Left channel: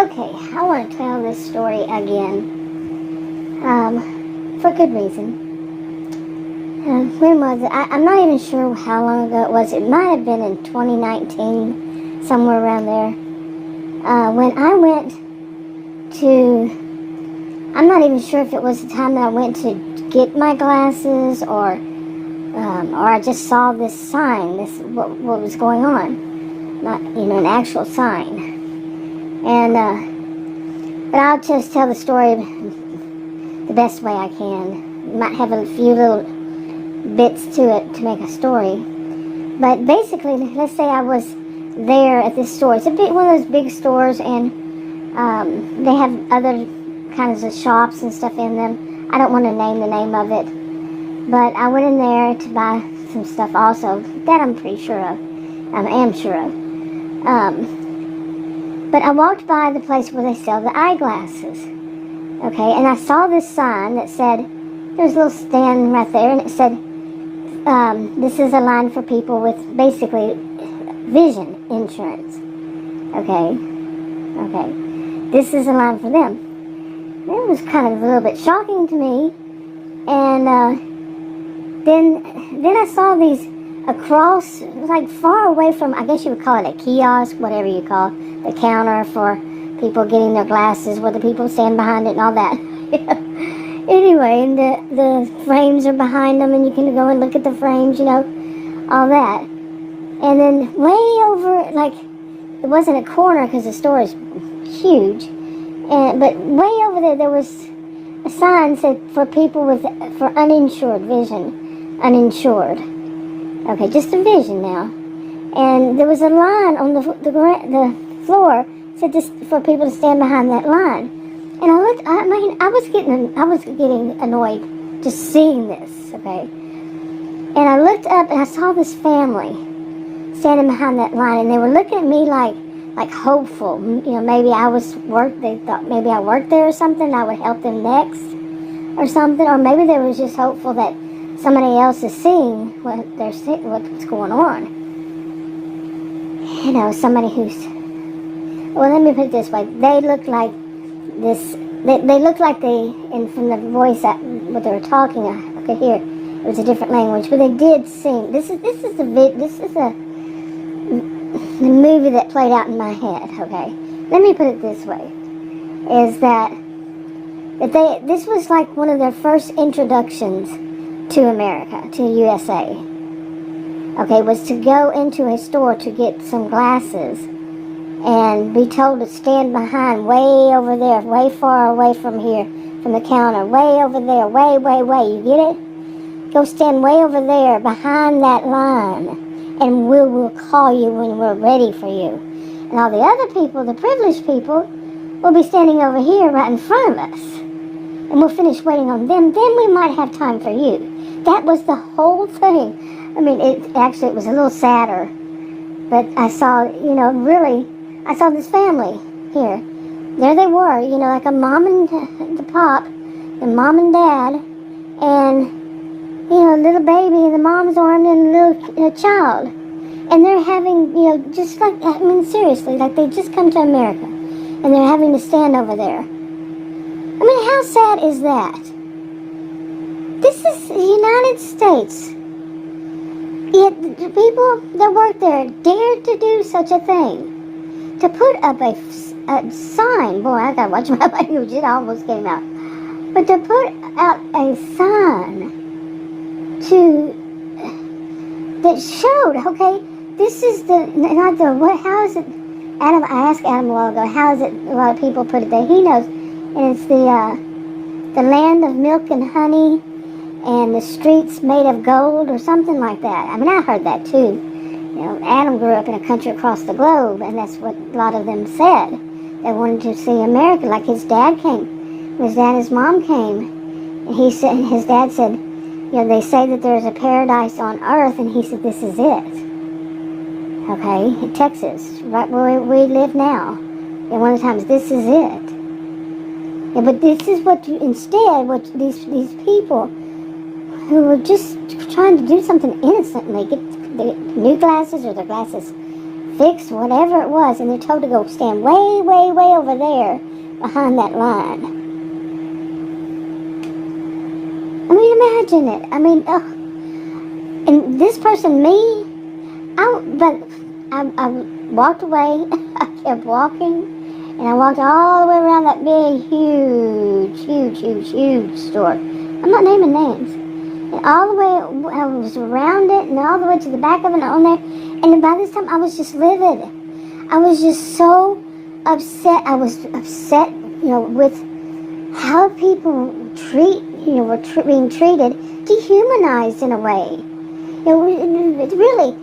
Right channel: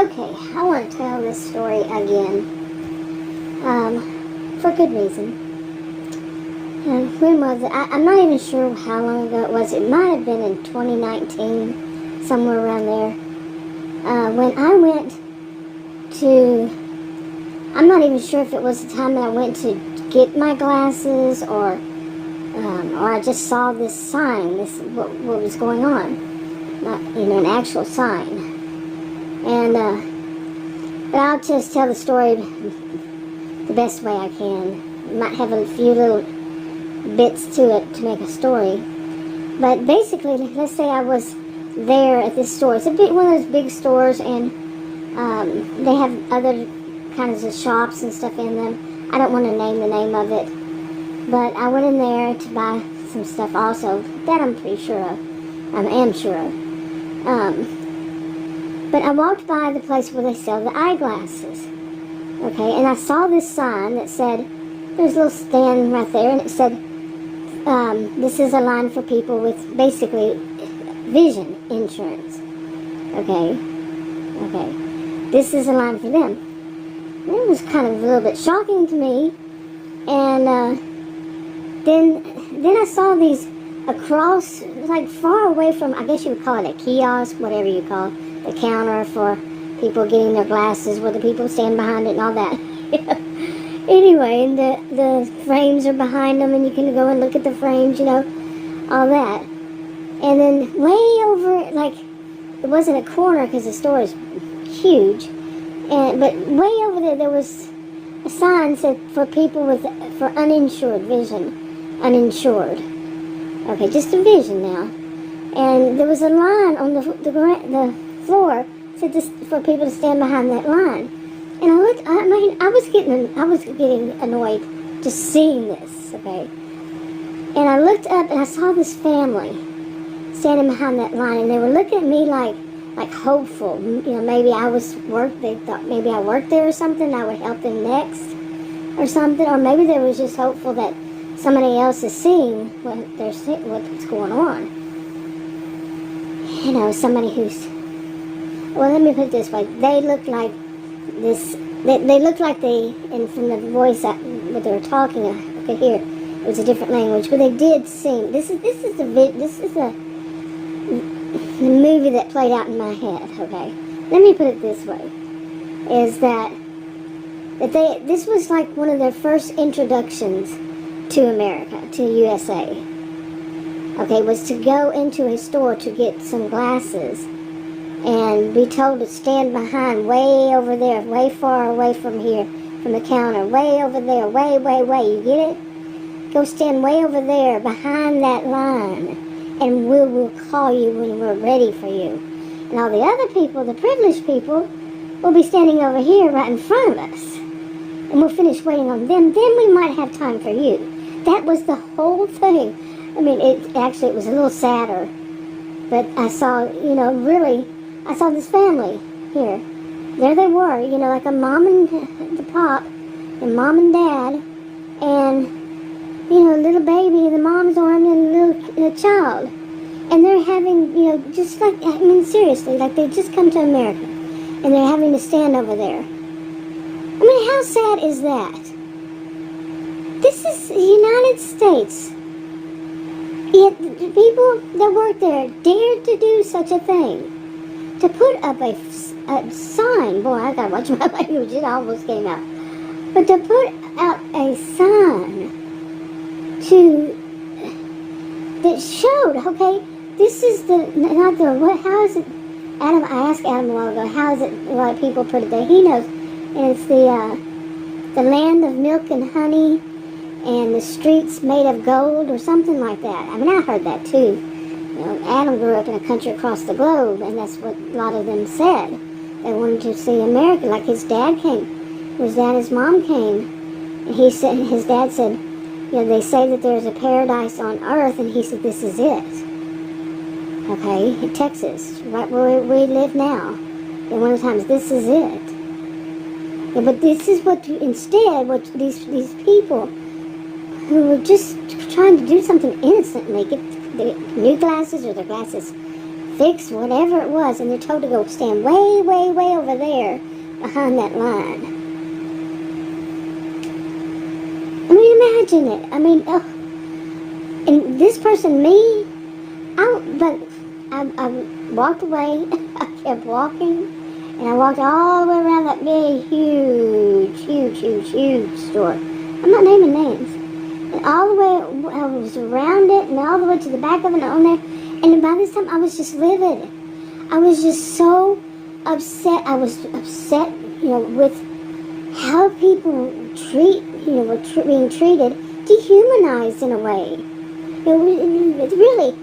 Okay, I want to tell this story again, for good reason. When was it? I'm not even sure how long ago it was. It might have been in 2019, somewhere around there. When I went to, I'm not even sure if it was the time that I went to get my glasses or I just saw this sign, what was going on, not an actual sign. And but I'll just tell the story the best way I can. It might have a few little bits to it to make a story. But basically, let's say I was there at this store. It's one of those big stores, and they have other kinds of shops and stuff in them. I don't want to name the name of it. But I went in there to buy some stuff also. That I'm pretty sure of. I am sure of. But I walked by the place where they sell the eyeglasses. Okay, and I saw this sign that said, there's a little stand right there, and it said, this is a line for people with basically vision insurance. Okay. This is a line for them. It was kind of a little bit shocking to me. And then I saw these across, like far away from, I guess you would call it a kiosk, whatever you call it, the counter for people getting their glasses, where the people stand behind it and all that. Anyway, and the frames are behind them, and you can go and look at the frames, all that. And then way over, like, it wasn't a corner because the store is huge, but way over there was a sign said for people for uninsured vision, uninsured. Okay, just a vision now. And there was a line on the floor said just for people to stand behind that line. And I looked. I was getting annoyed just seeing this. Okay. And I looked up and I saw this family standing behind that line, and they were looking at me like hopeful. Maybe they thought maybe I worked there or something. I would help them next or something, or maybe they were just hopeful that somebody else is seeing what's going on. Somebody who's, well, let me put it this way. They looked like this, they looked like and from the voice, what they were talking, I could hear, it was a different language, but they did sing. This is the movie that played out in my head, okay? Let me put it this way, is that this was like one of their first introductions to America, to USA. Okay, was to go into a store to get some glasses and be told to stand behind way over there, way far away from here, from the counter, way over there, way, you get it? Go stand way over there behind that line, and we will call you when we're ready for you. And all the other people, the privileged people, will be standing over here right in front of us. And we'll finish waiting on them, then we might have time for you. That was the whole thing. I mean, it was a little sadder. But I saw, I saw this family here. There they were, like a mom and the pop, and mom and dad, and, a little baby in the mom's arm and a little child. And they're having, just like, seriously, like they just come to America. And they're having to stand over there. How sad is that? This is the United States. Yet the people that work there dared to do such a thing. To put up a sign. Boy, I gotta watch my language. It almost came out. But to put out a sign that showed, okay, this is how is it? Adam, I asked Adam a while ago, how is it a lot of people put it there? He knows. And it's the land of milk and honey, and the streets made of gold, or something like that. I heard that too. Adam grew up in a country across the globe, and that's what a lot of them said. They wanted to see America, like his dad came. His dad and his mom came, and his dad said, they say that there's a paradise on earth, and he said, this is it. Okay, in Texas, right where we live now. And one of the times, this is it. Yeah, but this is what these people who were just trying to do something innocent, and they get new glasses or their glasses fix whatever it was, and they're told to go stand way, way, way over there behind that line. I mean, imagine it. I mean, and this person, me, I walked away. I kept walking, and I walked all the way around that big, huge store. I'm not naming names. And all the way, I was around it, and all the way to the back of it, and on there. And by this time, I was just livid. I was just so upset. I was upset, with how people were being treated, dehumanized in a way. It's really,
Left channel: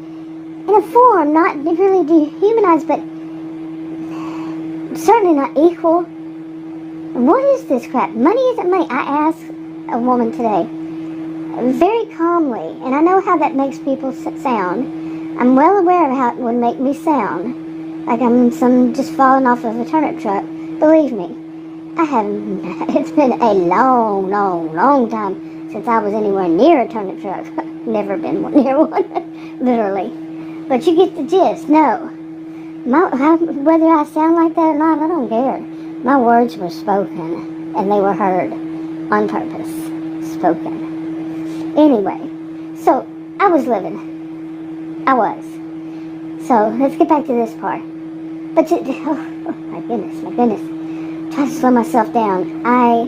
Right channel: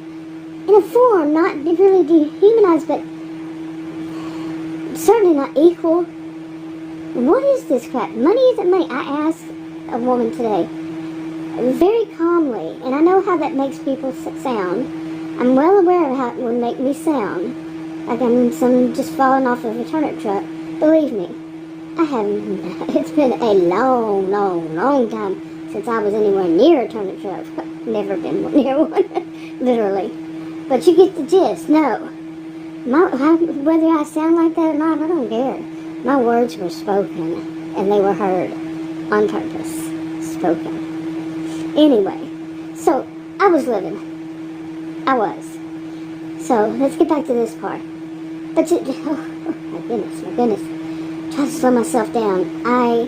in a form, not really dehumanized, but certainly not equal. What is this crap? Money isn't money. I asked a woman today, very calmly, and I know how that makes people sound. I'm well aware of how it would make me sound, like I'm just falling off of a turnip truck. Believe me, I haven't. It's been a long, long, long time since I was anywhere near a turnip truck. Never been near one, literally. But you get the gist. No, whether I sound like that or not, I don't care. My words were spoken, and they were heard on purpose. Spoken. Anyway, so I was living. I was. So let's get back to this part. But my goodness. Try to slow myself down. I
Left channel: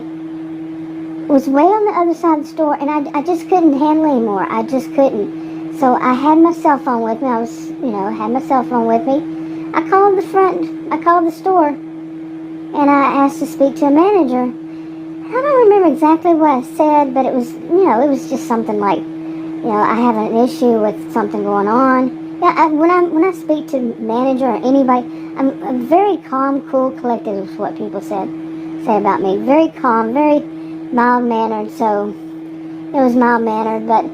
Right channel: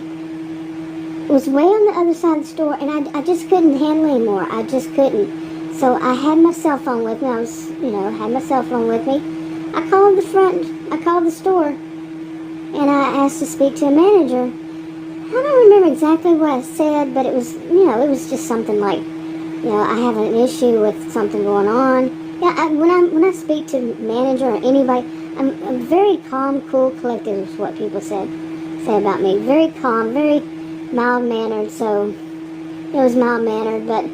was way on the other side of the store, and I just couldn't handle it anymore. I just couldn't. So I had my cell phone with me. Had my cell phone with me. I called the store, and I asked to speak to a manager. I don't remember exactly what I said, but it was, it was just something like, I have an issue with something going on. Yeah, when I speak to manager or anybody, I'm very calm, cool, collected is what people say about me. Very calm, very mild-mannered, so it was mild-mannered, but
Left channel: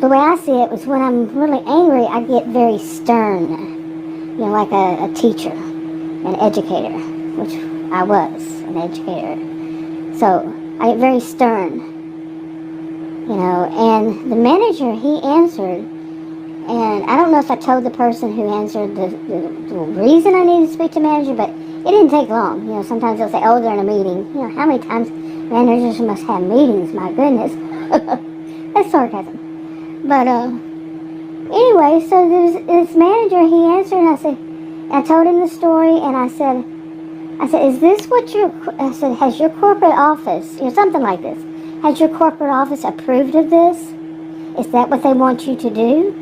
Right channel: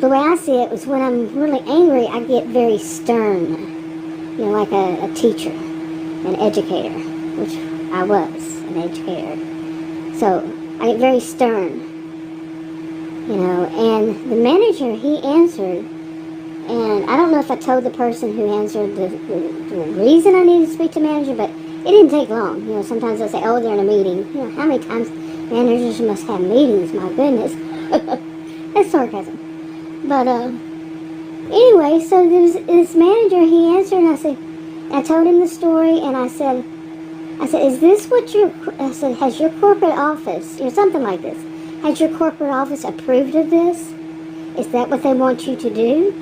the way I see it was when I'm really angry, I get very stern, like a teacher, an educator, which I was, an educator. So I get very stern, and the manager, he answered, and I don't know if I told the person who answered the reason I needed to speak to manager, but it didn't take long. Sometimes they'll say, oh, they're in a meeting. How many times managers must have meetings? My goodness. That's sarcasm. But anyway, so there's this manager, he answered, and I told him the story, and I said, is this what has your corporate office, something like this, has your corporate office approved of this? Is that what they want you to do?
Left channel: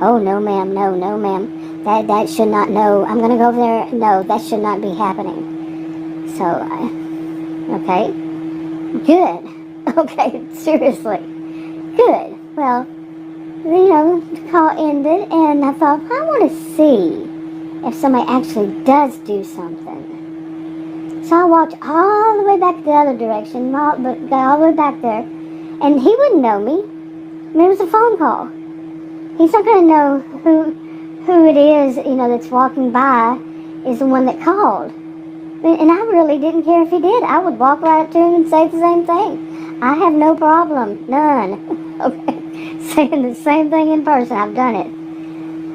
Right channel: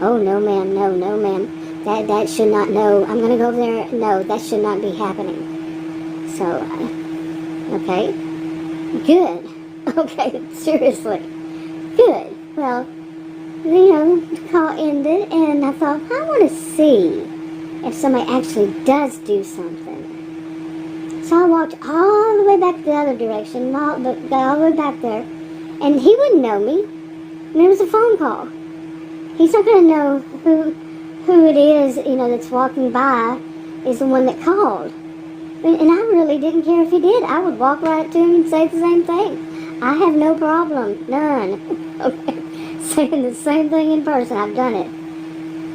Oh, no, ma'am, no, ma'am. That should not, no, I'm going to go over there. No, that should not be happening. So, okay. Good. Okay, seriously. Good. Well, the call ended, and I thought, I want to see if somebody actually does do something. So I walked all the way back the other direction, got all the way back there, and he wouldn't know me. It was a phone call. He's not going to know who it is, that's walking by is the one that called. And I really didn't care if he did. I would walk right up to him and say the same thing. I have no problem, none. Okay, saying the same thing in person. I've done it.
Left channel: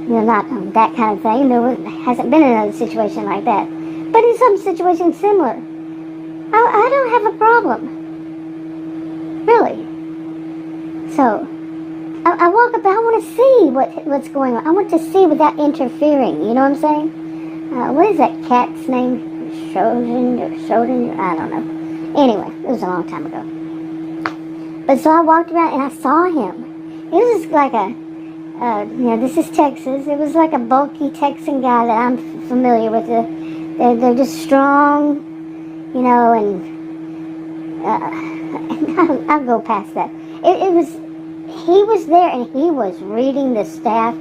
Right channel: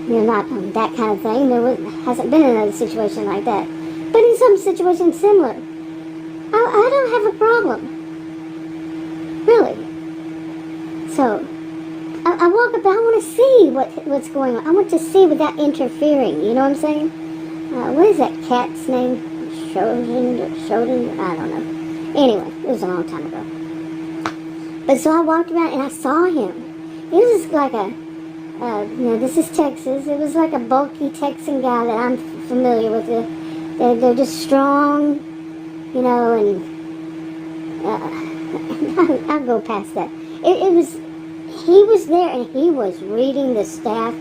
Not that kind of thing. There hasn't been another situation like that. But in some situations similar, I don't have a problem. Really. So, I walk up, I want to see what's going on. I want to see without interfering. You know what I'm saying? What is that cat's name? Schrodinger? I don't know. Anyway, it was a long time ago. But so I walked around and I saw him. It was like this is Texas. It was like a bulky Texan guy that I'm familiar with. They're just strong, and I'll go past that. He was there, and he was reading the staff,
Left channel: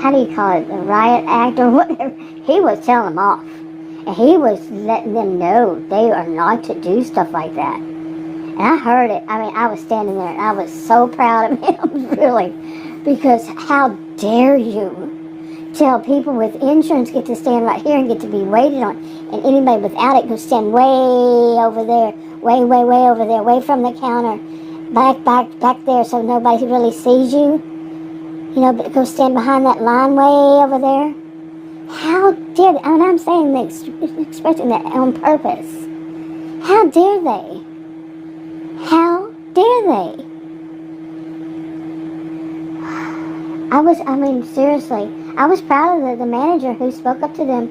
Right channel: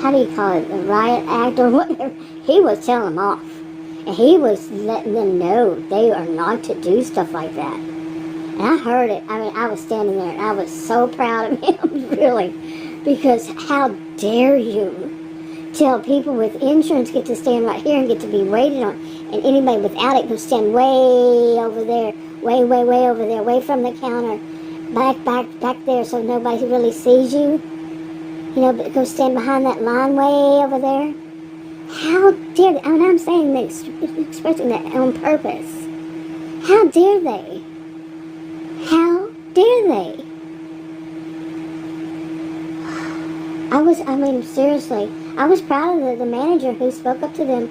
how do you call it, the riot act or whatever. He was telling them off, and he was letting them know they are not to do stuff like that. And I heard it. I mean, I was standing there, and I was so proud of him, really, because how dare you tell people with insurance get to stand right here and get to be waited on, and anybody without it can stand way over there, way over there, away from the counter, back there, so nobody really sees you. But go stand behind that line way over there. How dare they? And I'm saying that, expressing that on purpose. How dare they? How dare they? Seriously, I was proud of the manager who spoke up to them. I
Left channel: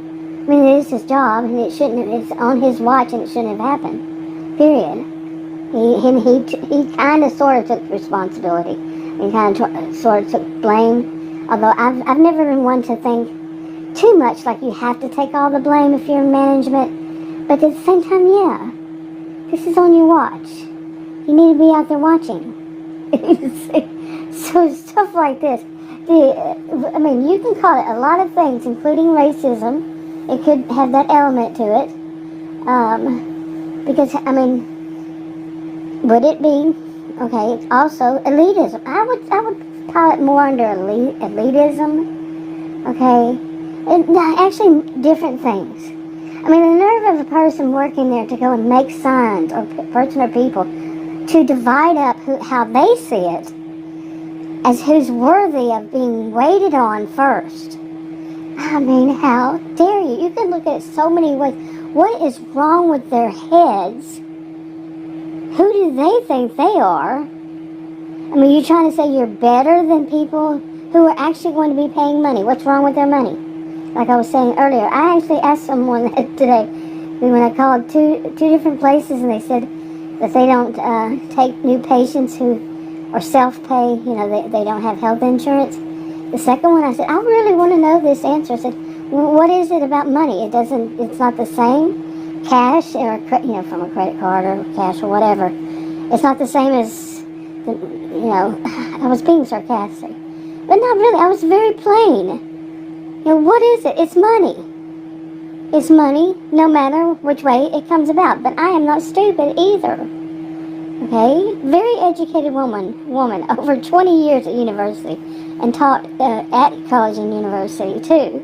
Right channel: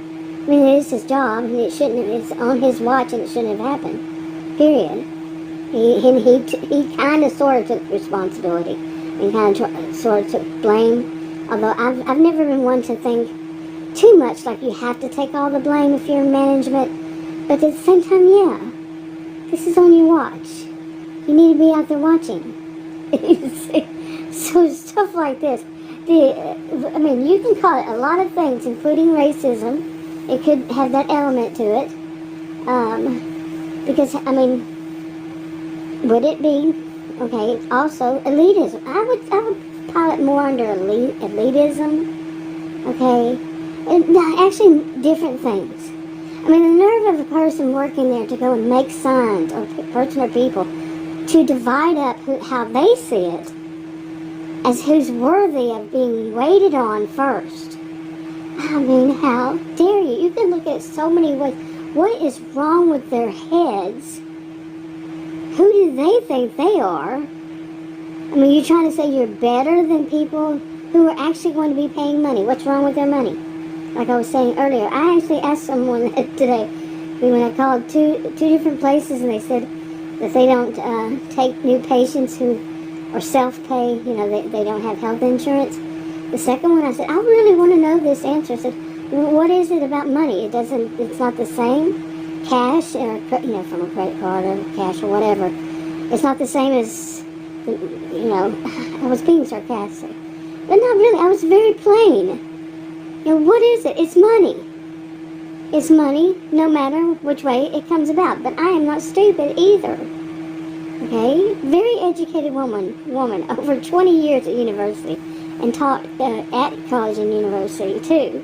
mean, it is his job, and it's on his watch, and it shouldn't have happened. Period. He kind of sort of took responsibility. He kind of sort of took blame. Although I've never been one to think too much like you have to take all the blame if you're in management. But at the same time, yeah, this is on your watch. You need to be out there watching. So stuff like this. You can call it a lot of things, including racism. It could have that element to it. Because, would it be, okay, also elitism. I would call it more under elitism, okay? And actually, different things. The nerve of a person working there to go and make signs, or person or people, to divide up how they see it as who's worthy of being waited on first. How dare you? You can look at it so many ways. What is wrong with their heads? Who do they think they are? You're trying to say you're better than people who are actually going to be paying money. What's wrong with their money? Like I was saying earlier, I actually asked someone today, when I called two different places, and they said that they don't take new patients who are self-pay, they don't have health insurance. The second one, I said, I really want to know this answer. I said, what is it about money? It's not the same. Cash, or, from a credit card or cash or whatever. It's not the same as, I was being sarcastic. But not really, I was very plain. What is it? It's money. It's money, no matter which way it comes about. But I am not stupid either. Okay? Very educated woman, over 20 years at university, and taught at college and university too.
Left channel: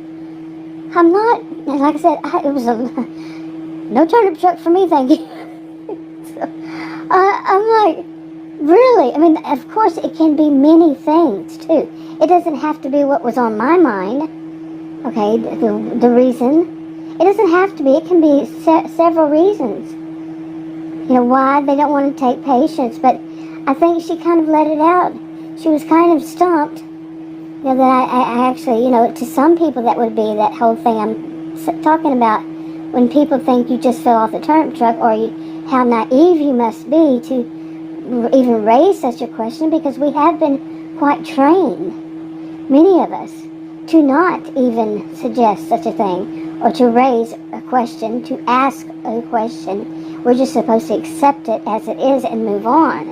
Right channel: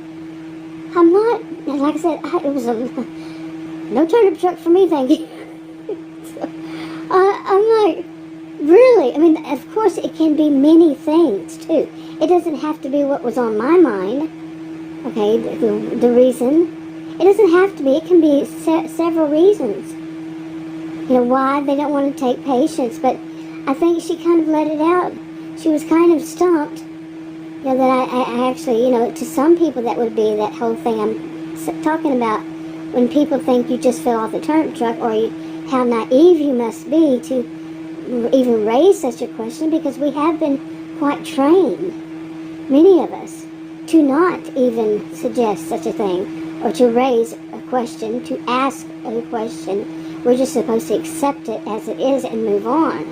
I'm not, like I said, it was no turnip truck for me, thank you. So, I'm like, really? Of course it can be many things too. It doesn't have to be what was on my mind, okay, the reason. It doesn't have to be. It can be several reasons. Why they don't want to take patients. But I think she kind of let it out. She was kind of stumped. That I actually, to some people that would be that whole thing I'm talking about, when people think you just fell off the turnip truck, or how naive you must be to even raise such a question, because we have been quite trained, many of us, to not even suggest such a thing, or to raise a question, to ask a question. We're just supposed to accept it as it is and move on.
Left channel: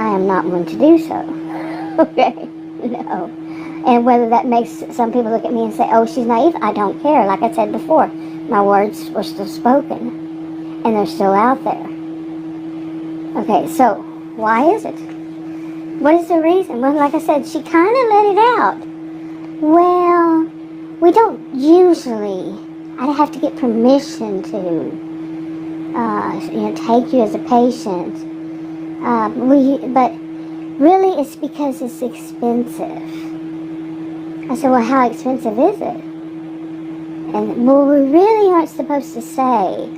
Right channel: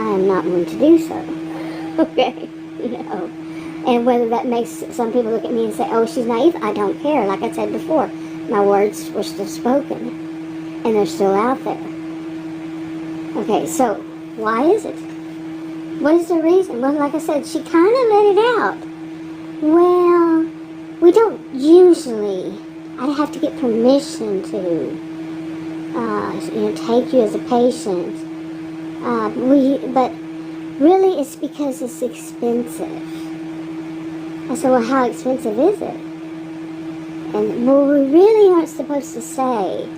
I am not one to do so. Okay? And whether that makes some people look at me and say, oh, she's naive, I don't care. Like I said before, my words were still spoken, and they're still out there. Okay, so why is it? What is the reason? Well, like I said, she kind of let it out. Well, we don't usually, I'd have to get permission to take you as a patient. But really it's because it's expensive. I said, well, how expensive is it? And, well, we really aren't supposed to say,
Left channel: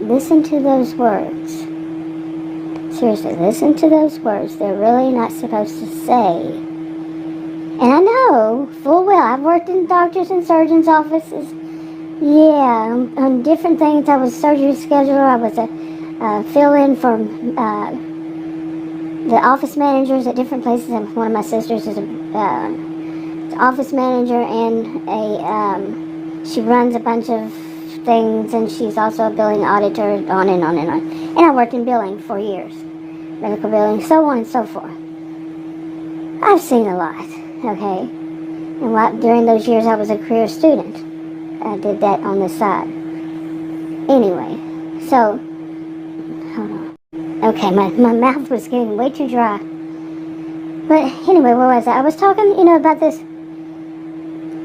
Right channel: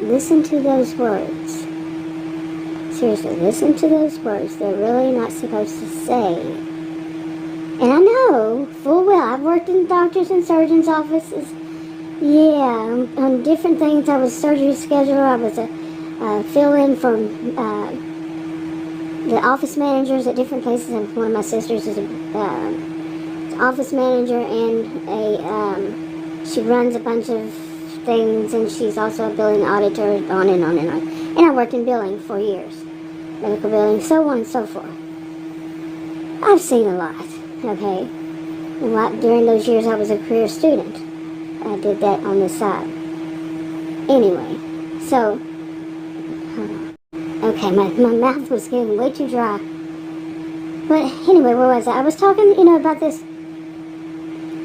listen to those words. Seriously, listen to those words. They're really not supposed to say. And I know full well, I've worked in doctors' and surgeons' offices. Yeah, on different things. I was surgery scheduler. I was a fill-in from the office managers at different places. And one of my sisters is an office manager, and she runs a bunch of things, and she's also a billing auditor, on and on and on. And I worked in billing for years, medical billing, so on and so forth. I've seen a lot, okay? And during those years, I was a career student. I did that on the side. Anyway, so, hold on. Okay, my mouth was getting way too dry. But anyway, where was I? I was talking, about this.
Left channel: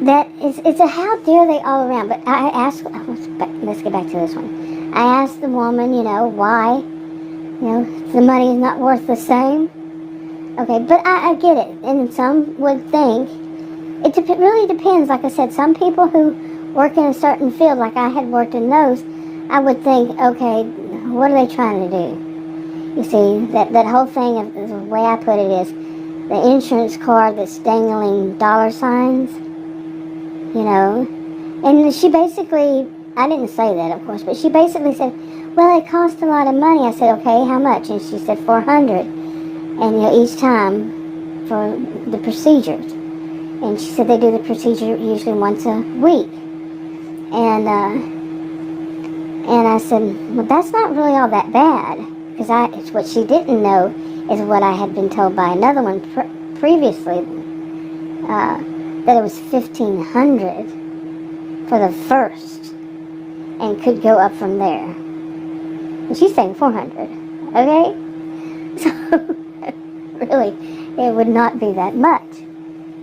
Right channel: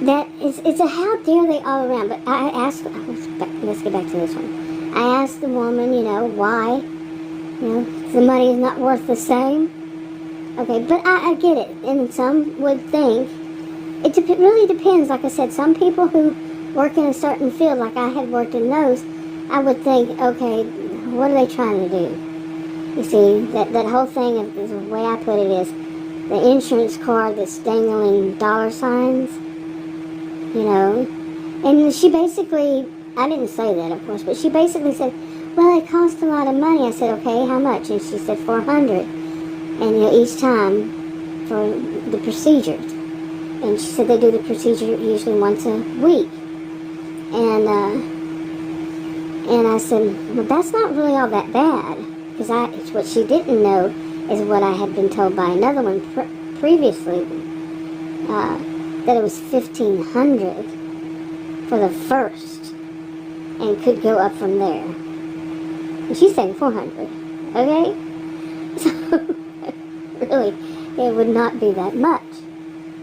That it's a how dare they all around. But I asked, let's get back to this one. I asked the woman, why, the money is not worth the same. Okay, but I get it. And some would think really depends. Like I said, some people who work in a certain field, like I had worked in those, I would think, okay, what are they trying to do? You see, that whole thing, of the way I put it is, the insurance card that's dangling dollar signs, you know. And she basically, I didn't say that, of course, but she basically said, well, it cost a lot of money. I said, okay, how much? And she said $400. And each time for the procedures. And she said they do the procedure usually once a week. And I said, well, that's not really all that bad. Because what she didn't know is what I had been told by another one previously, that it was $1,500 for the first, and could go up from there. And she's saying $400, okay? So, really, it would not be that much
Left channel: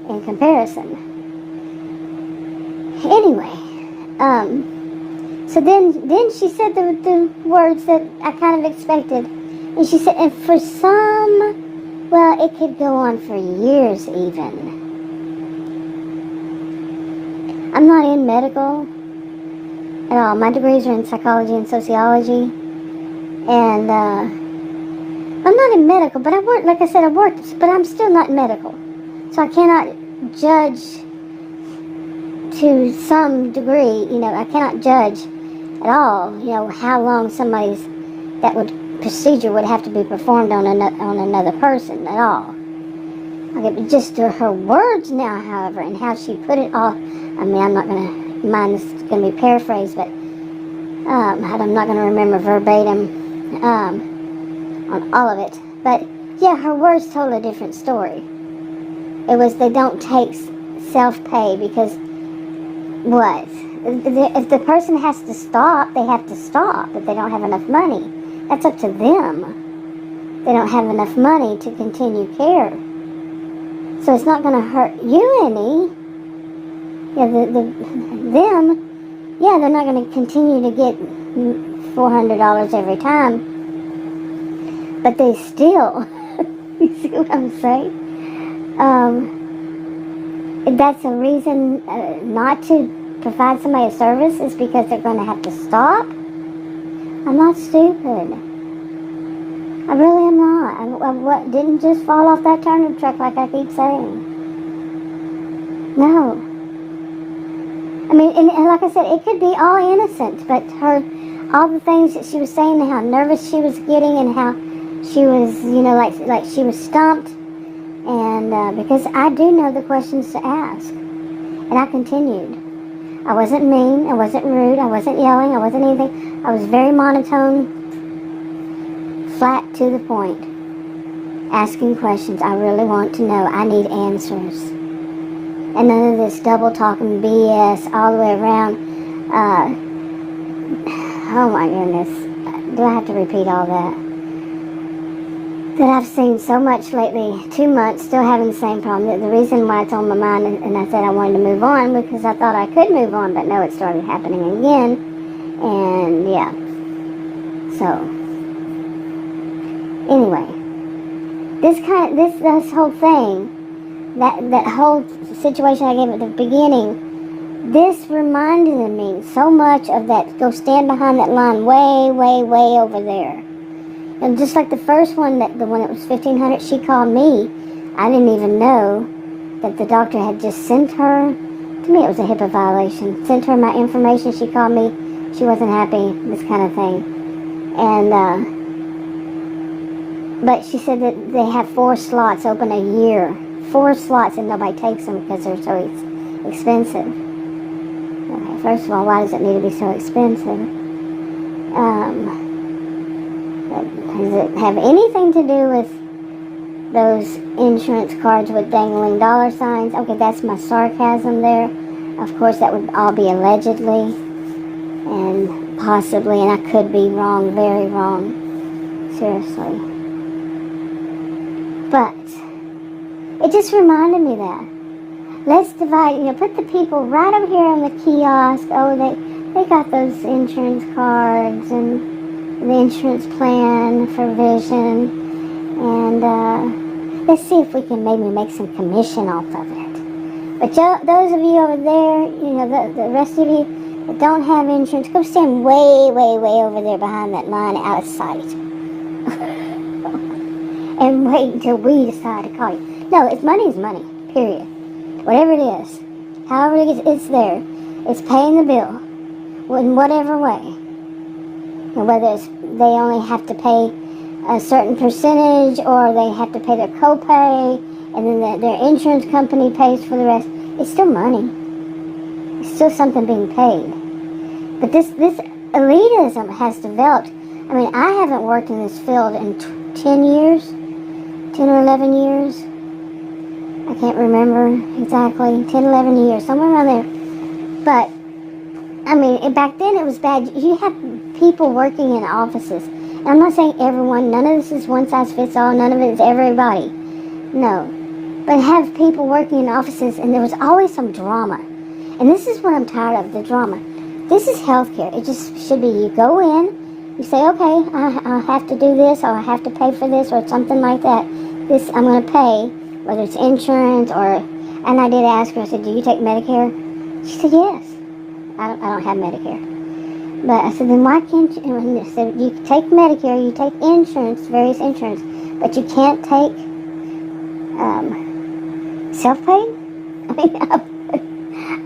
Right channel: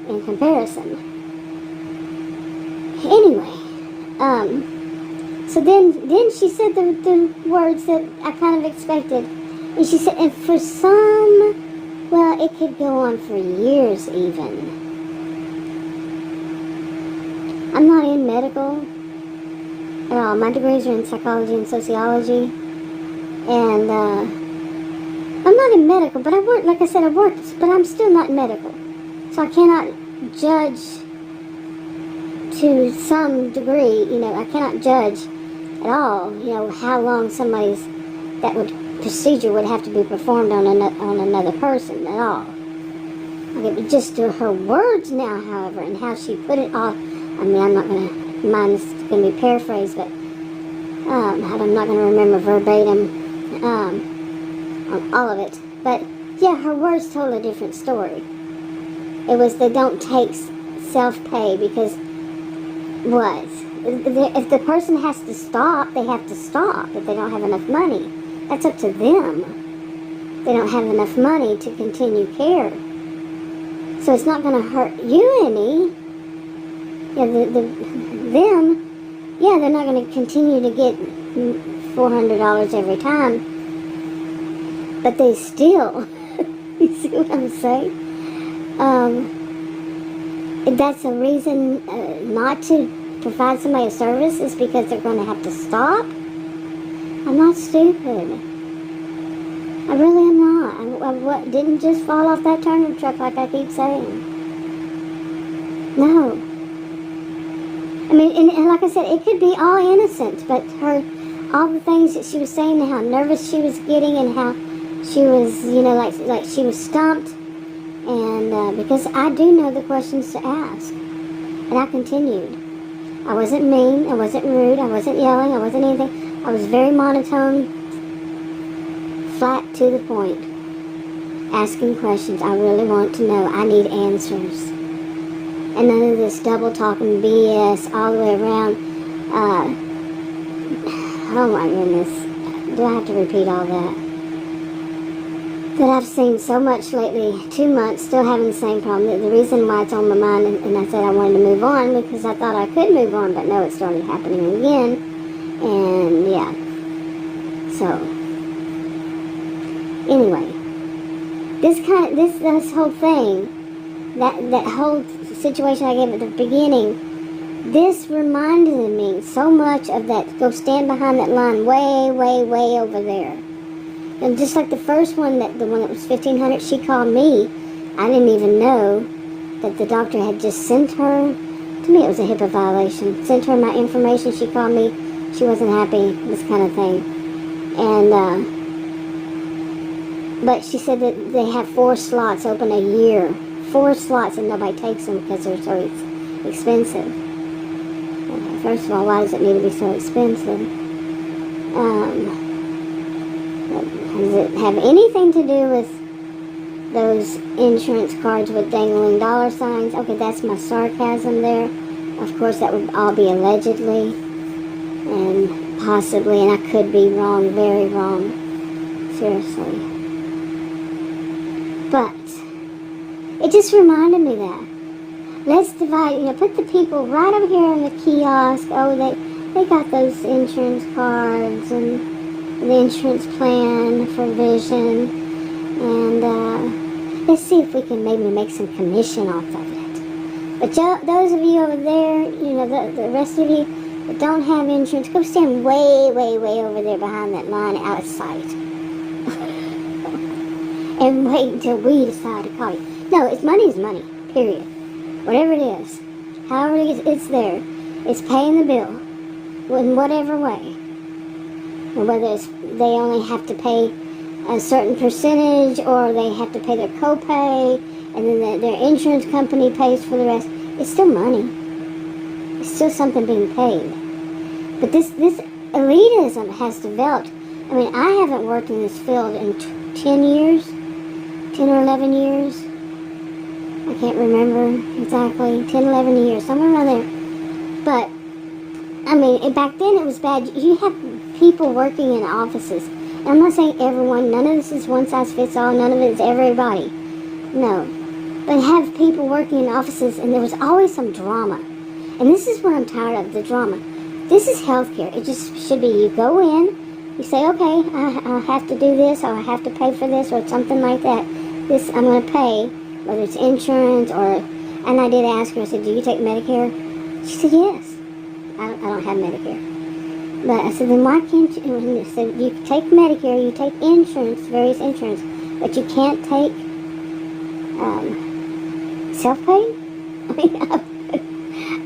in comparison. Anyway, so then she said the words that I kind of expected. And she said, and for some, well, it could go on for years even. I'm not in medical at all. My degrees are in psychology and sociology. And I'm not in medical, but I work, like I said, I worked, but I'm still not medical. So I cannot judge to some degree, I cannot judge at all, how long procedure would have to be performed on another person at all. Okay, but just to her words now, however, and how she put it all, I'm not going to, mine is going to be paraphrased, but I'm not going to remember verbatim on all of it. But yeah, her words told a different story. It was, they don't take self-pay because what? If the person has to stop, they have to stop if they don't have enough money. That's up to them. They don't have enough money to continue care. So it's not going to hurt you any. Yeah, they're not going to continue to get $400 every time. But they still, you see what I'm saying? That's a reason not to provide somebody a service is because they're going to have to stop. I'm not stupid. I really am not. I didn't just fall off that turnip truck like I keep saying. No. I mean, and like I said, it could be all innocent, but all the things that she was saying and how nervous she was getting and how she was, like she was stumped. And because I do know the questions to ask. And I continued. I wasn't mean, I wasn't rude, I wasn't yelling, I wasn't anything. I was very monotone, flat to the point. Asking questions. I really want to know. I need answers. And none of this double talking BS all the way around. Oh my goodness. Do I have to repeat all that? That I've seen so much lately, 2 months, still having the same problem. The reason why it's on my mind, and I said I wanted to move on, because I thought I could move on, but no, it started happening again. And yeah. So, anyway, this whole thing, that whole situation I gave at the beginning, this reminded me so much of that, go stand behind that line way, way, way over there. And just like the first one, the one that was $1,500, she called me. I didn't even know that the doctor had just sent her. To me, it was a HIPAA violation. Sent her my information. She called me. She wasn't happy. This kind of thing. And but she said that they have 4 slots open a year. 4 slots, and nobody takes them because they're so expensive. First of all, why does it need to be so expensive? Does it have anything to do with those insurance cards with dangling dollar signs? Okay, that's my sarcasm there. Of course, that would all be allegedly and possibly, and I could be wrong, very wrong. Seriously. But it just reminded me that. Let's divide, put the people right over here in the kiosk. Oh, they got those insurance cards and the insurance plan for vision, and let's see if we can maybe make some commission off of it. But those of you over there, the rest of you that don't have insurance, go stand way, way, way over there behind that line out of sight. And wait until we decide to call you. No, money's money, period. Whatever it is. However it's there. It's paying the bill. In whatever way. Whether they only have to pay a certain percentage, or they have to pay their copay, and then their insurance company pays for the rest. It's still money. It's still something being paid. But this elitism has developed. I mean, I haven't worked in this field in 10 years, 10 or 11 years. I can't remember exactly. 10, 11 years, somewhere around there. But, I mean, back then it was bad. You have people working in offices. And I'm not saying everyone. None of this is one size fits all. None of it is everybody. No. But have people working in offices, and there was always some drama. And this is what I'm tired of, the drama. This is healthcare. It just should be you go in, you say, okay, I have to do this, or I have to pay for this, or something like that. This I'm going to pay, whether it's insurance or... And I did ask her, I said, do you take Medicare? She said, yes. I don't have Medicare. But I said, then why can't you... And I said, you take Medicare, you take insurance, various insurance, but you can't take self-pay?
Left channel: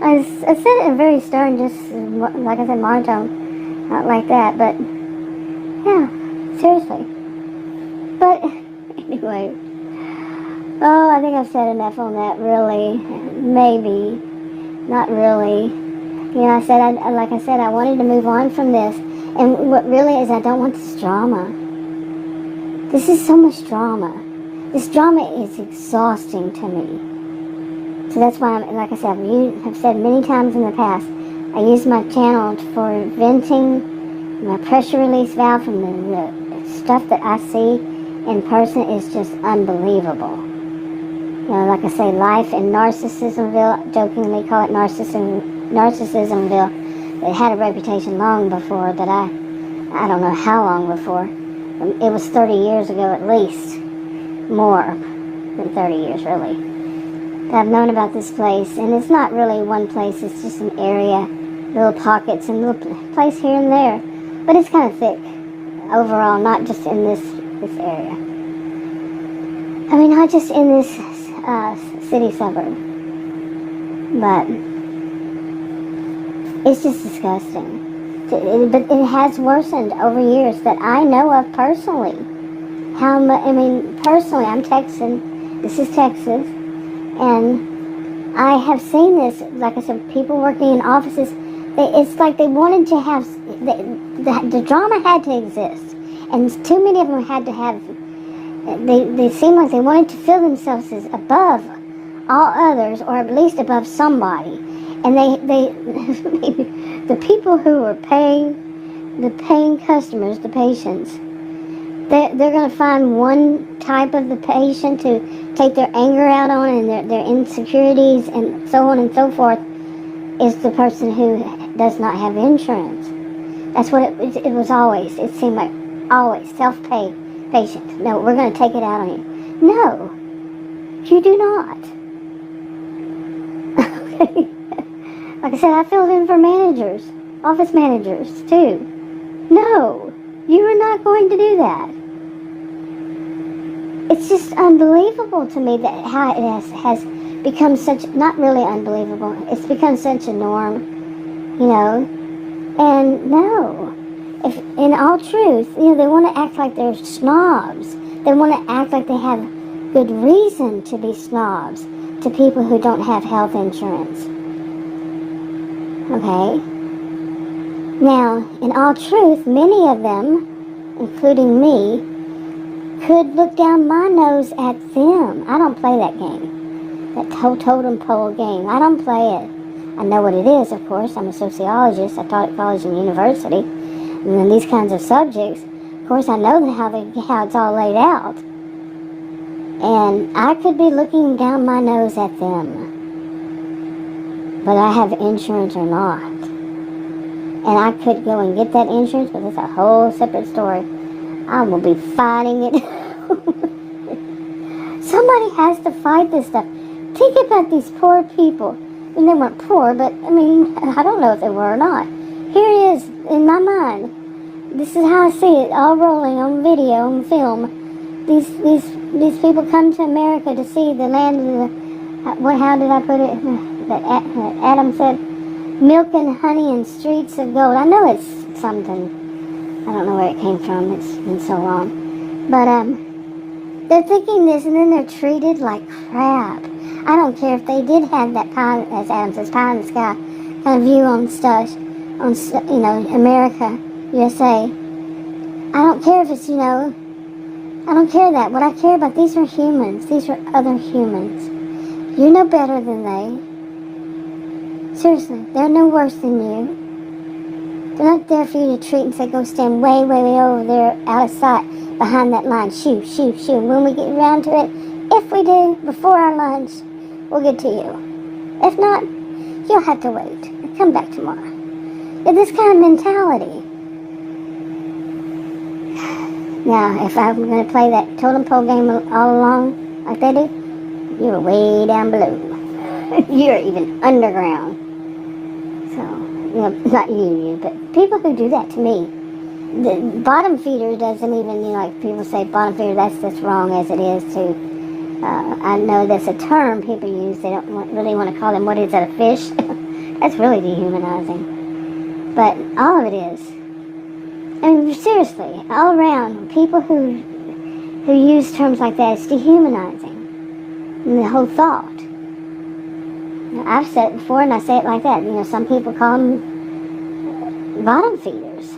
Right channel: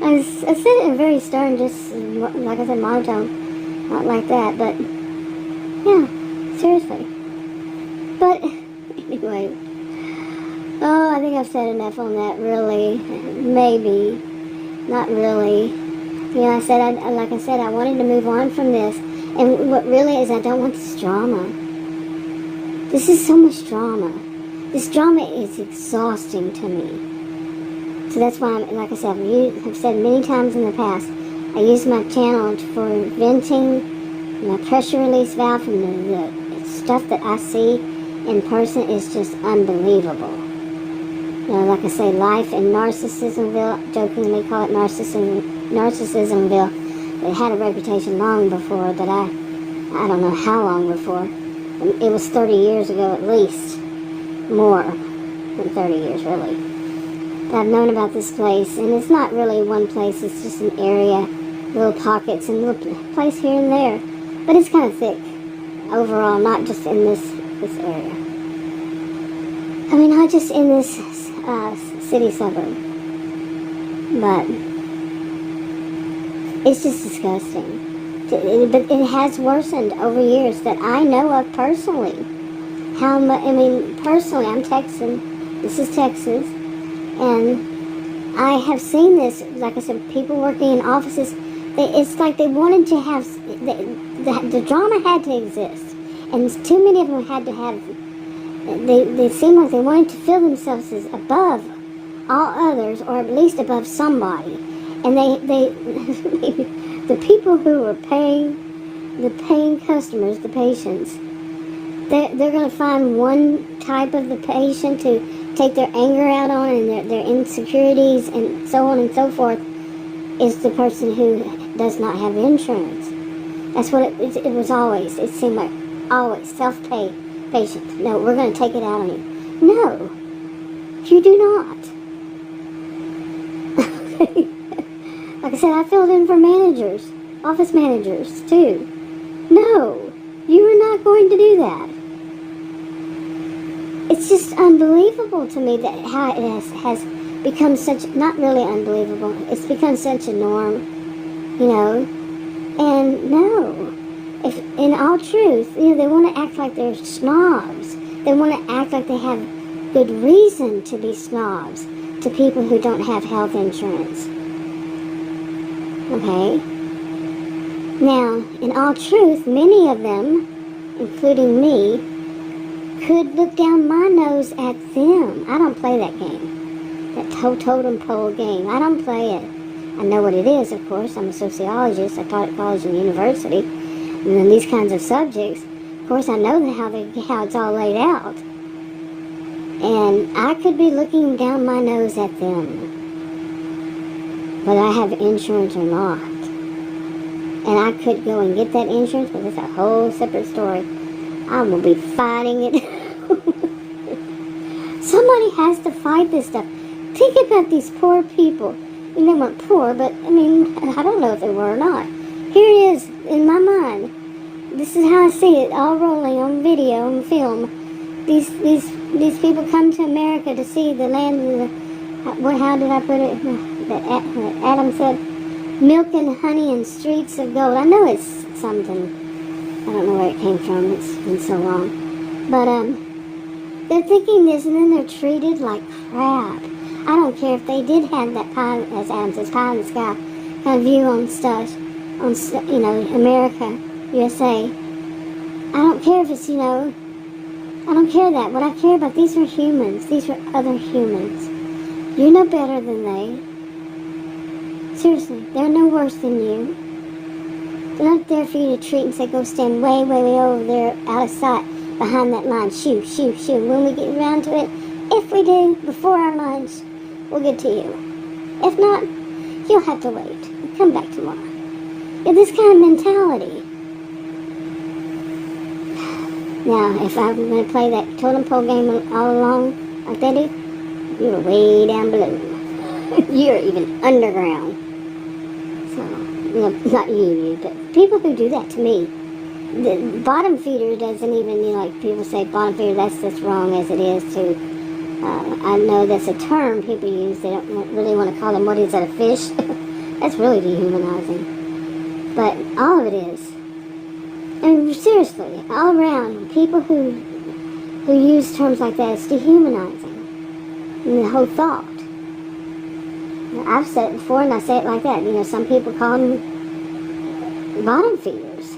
I said it in very stern, just like I said, monotone, not like that, but yeah, seriously. But anyway, I think I've said enough on that. Really, maybe, not really. Like I said, I wanted to move on from this, and what really is, I don't want this drama. This is so much drama. This drama is exhausting to me. So that's why, like I said, I've said many times in the past, I use my channel for venting, my pressure release valve from the stuff that I see in person is just unbelievable. Like I say, life in Narcissismville, jokingly call it Narcissismville. It had a reputation long before, but I don't know how long before. It was 30 years ago at least. More than 30 years, really. I've known about this place, and it's not really one place, it's just an area, little pockets, and little place here and there. But it's kind of thick overall, not just in this area. I mean, not just in this city suburb. But it's just disgusting. But it has worsened over years that I know of personally. Personally, I'm Texan. This is Texas. And I have seen this, like I said, people working in offices, it's like they wanted to have, the drama had to exist. And too many of them had to have, they seemed like they wanted to feel themselves as above all others, or at least above somebody. And the people who were paying, the paying customers, the patients, they're going to find one type of the patient to take their anger out on, and their insecurities and so on and so forth, is the person who does not have insurance. That's what it was always. It seemed like always self-pay patient. No, we're going to take it out on you. No, you do not. Like I said, I filled in for managers, office managers too. No, you are not going to do that. It's just unbelievable to me that how it has become such, not really unbelievable, it's become such a norm, and no, if in all truth, they want to act like they're snobs. They want to act like they have good reason to be snobs to people who don't have health insurance. Okay? Now, in all truth, many of them, including me, could look down my nose at them. I don't play that game. That totem pole game. I don't play it. I know what it is, of course. I'm a sociologist. I taught at college and university. And then these kinds of subjects, of course, I know how it's all laid out. And I could be looking down my nose at them. But I have insurance or not. And I could go and get that insurance, but it's a whole separate story. I will be fighting it. Somebody has to fight this stuff. Think about these poor people. I mean, they weren't poor, but I mean, I don't know if they were or not. Here it is in my mind. This is how I see it, all rolling on video, on film. These people come to America to see the land of the, how did I put it? That Adam said, milk and honey and streets of gold. I know it's something. I don't know where it came from. It's been so long. But they're thinking this, and then they're treated like crap. I don't care if they did have that pie, as Adam says, pie in the sky kind of view on stuff, on America, USA. I don't care if it's I don't care that. What I care about, these are humans. These are other humans. You're no better than they. Seriously, they're no worse than you. They're not there for you to treat and say, go stand way, way, way over there out of sight behind that line. Shoo, shoo, shoo. When we get around to it, if we do, before our lunch, we'll get to you. If not, you'll have to wait. Come back tomorrow. Yeah, this kind of mentality. Now, if I'm going to play that totem pole game all along, like they do, you're way down below. You're even underground. So, not you, but people who do that to me. The bottom feeder doesn't even, like people say bottom feeder, that's just wrong as it is too. I know that's a term people use. They don't really want to call them, what is that, a fish? That's really dehumanizing. But all of it is. And seriously, all around, people who use terms like that, it's dehumanizing. And the whole thought. I've said it before, and I say it like that. Some people call them bottom feeders.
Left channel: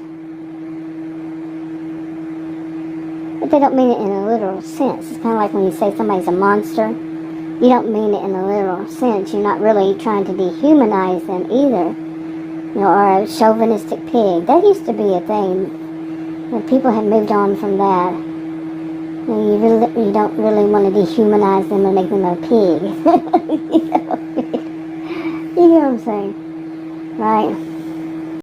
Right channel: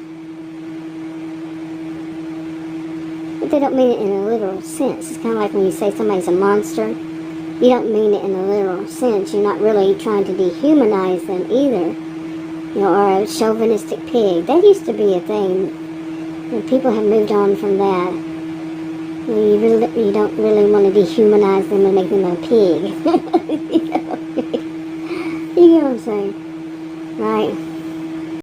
But they don't mean it in a literal sense. It's kind of like when you say somebody's a monster. You don't mean it in a literal sense. You're not really trying to dehumanize them either. Or a chauvinistic pig. That used to be a thing. People have moved on from that. You don't really want to dehumanize them and make them a pig. You know what I'm saying? Right?